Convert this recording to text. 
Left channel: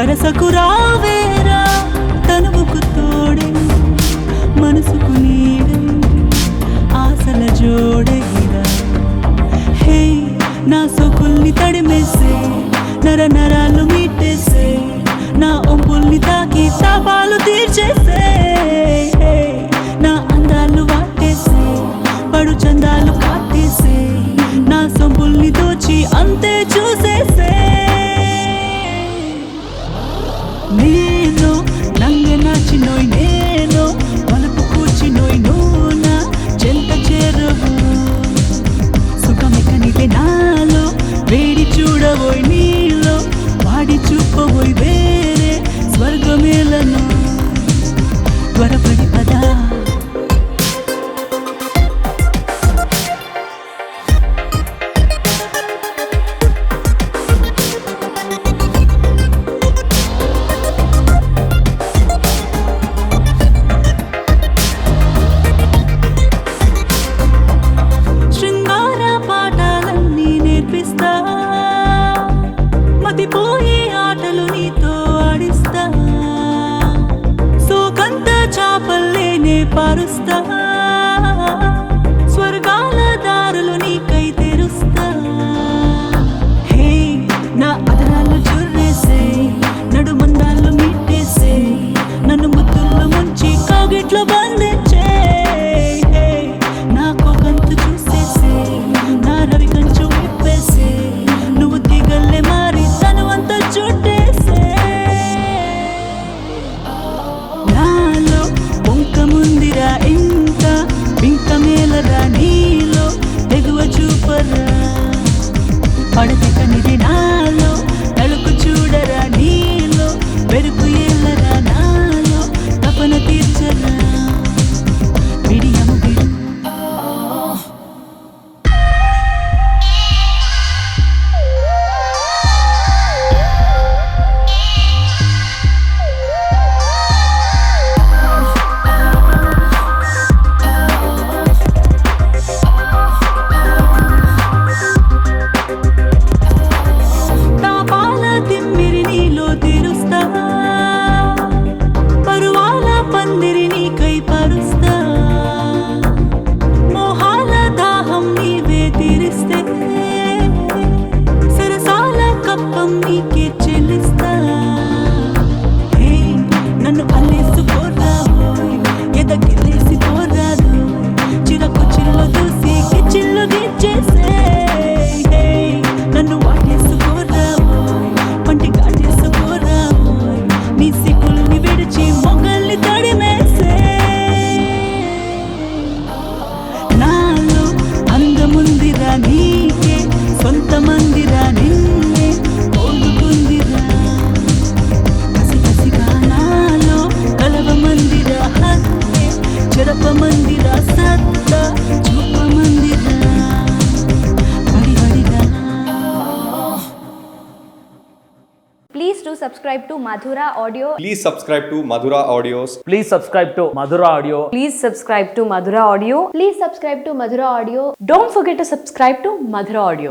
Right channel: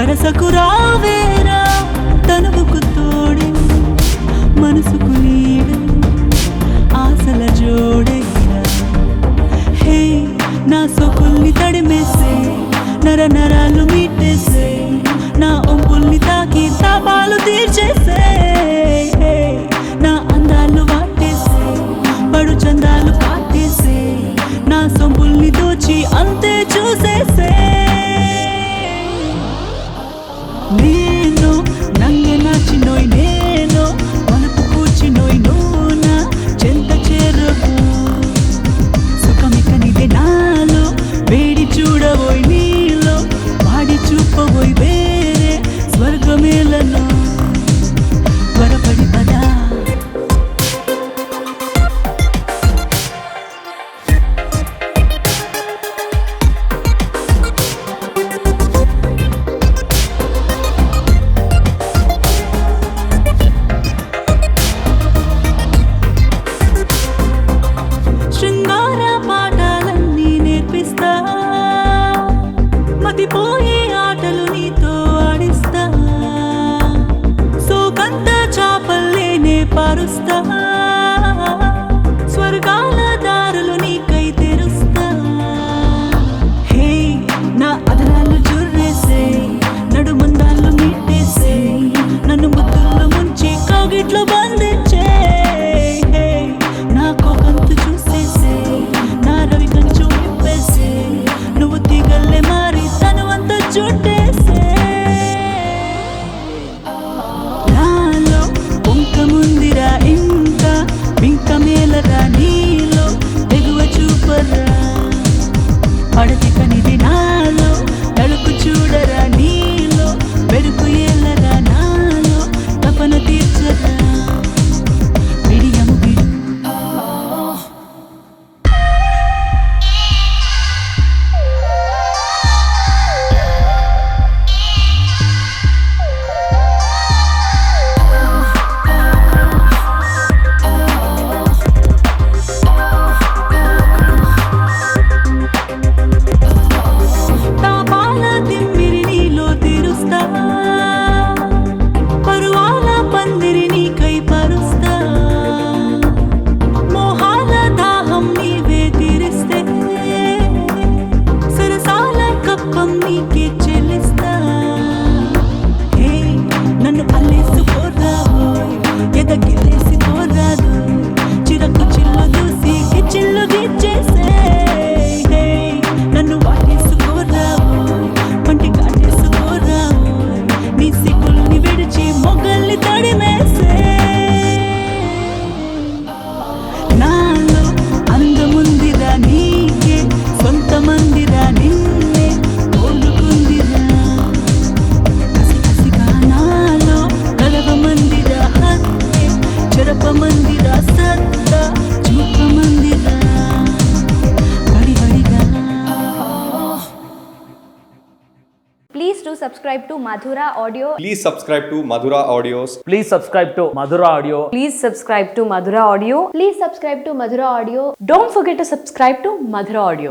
సరసకు రావేరా తనువుకు తోడే మనసుకు నీడే ఆశల జోడేరా హే నా సోకుల్ని తడిమేసే నర నరాలు మీటేసే నా ఒంపుల్ని తాకి తాపాలు తీర్చేసే నా అందాలు వాటేసే పడు చందాలు కాటేసే నా సొంపుల్ని దోచి అంతే చూసేసే నేను నంగ నాచినోయ్ నేను మలుపు కూర్చినోయ్ నూనా చెంత చేరవు సుఖమెక్కనిదే నాలో వేడి చూడబోయ్ నీలో వాడి చూపబోయ్ వేరే స్వర్గమేలను త్వరపడి పదా శృంగార పాఠాలన్నీ నేర్పిస్తా మతిపోయే ఆటలు నీతో ఆడిస్తా సోకంత చాపల్లేనే పారుస్తా స్వర్గాల దారులు నీకై తెరుస్తా హే నా అదరాలు జుర్రేసే నడుమందాలు మిట్టేసే నన్ను ముద్దుల్లో ముంచి కౌగిట్లో బంధించే నా కోకంతు చూసేసే నా రవి కంచు విప్పేసే నువ్వు తీగల్లే మారి తను అంతా చుట్టేసే నాలో పొంక ముందిరా ఇంకా బింక మేలరా నీలో తెగువ చూపరా పడతి కనిది నాలో తడుకు చూడరా నీలో పెరుకు ఏలరా నాలో తపన తీర్చరా విడియము విడు తాపాల తిమ్మిరి నీలో తీరుస్తా పరువాల పందిరి నీకై పరుస్తా మోహాల దాహం నీవే తీరిస్తే సరసాల కప్పం నీకే చెల్లిస్తా హే నన్ను అల్లేసుకోరావోయ్ ఎదగిల్లేసి పోరాదు చిరకు చిల్లు దూసి గిచ్చిల్లు గిచ్చేసే హే నన్ను వాటేసుకోరావోయ్ పంటి కాటేసుకోరావోయ్ నీ సిగ్గుల్ని విడిచి మొగల్ని తడిమేసే నాలో అందముందిరా నీకే సొంత మందిరా నిన్నే కోలుకుందిరా కసి కసిగా నాలో కలవ మందిరా హత్తే చెరప మందిరా సత్తా చూప మందిరా వడి వడిగా Please do subscribe to Madhura Audio. Please subscribe to Madhura Audios. Please subscribe to Madhura Audio. Please subscribe to Madhura Audio. Please subscribe to Madhura Audio. Don't forget to subscribe to Madhura Audio.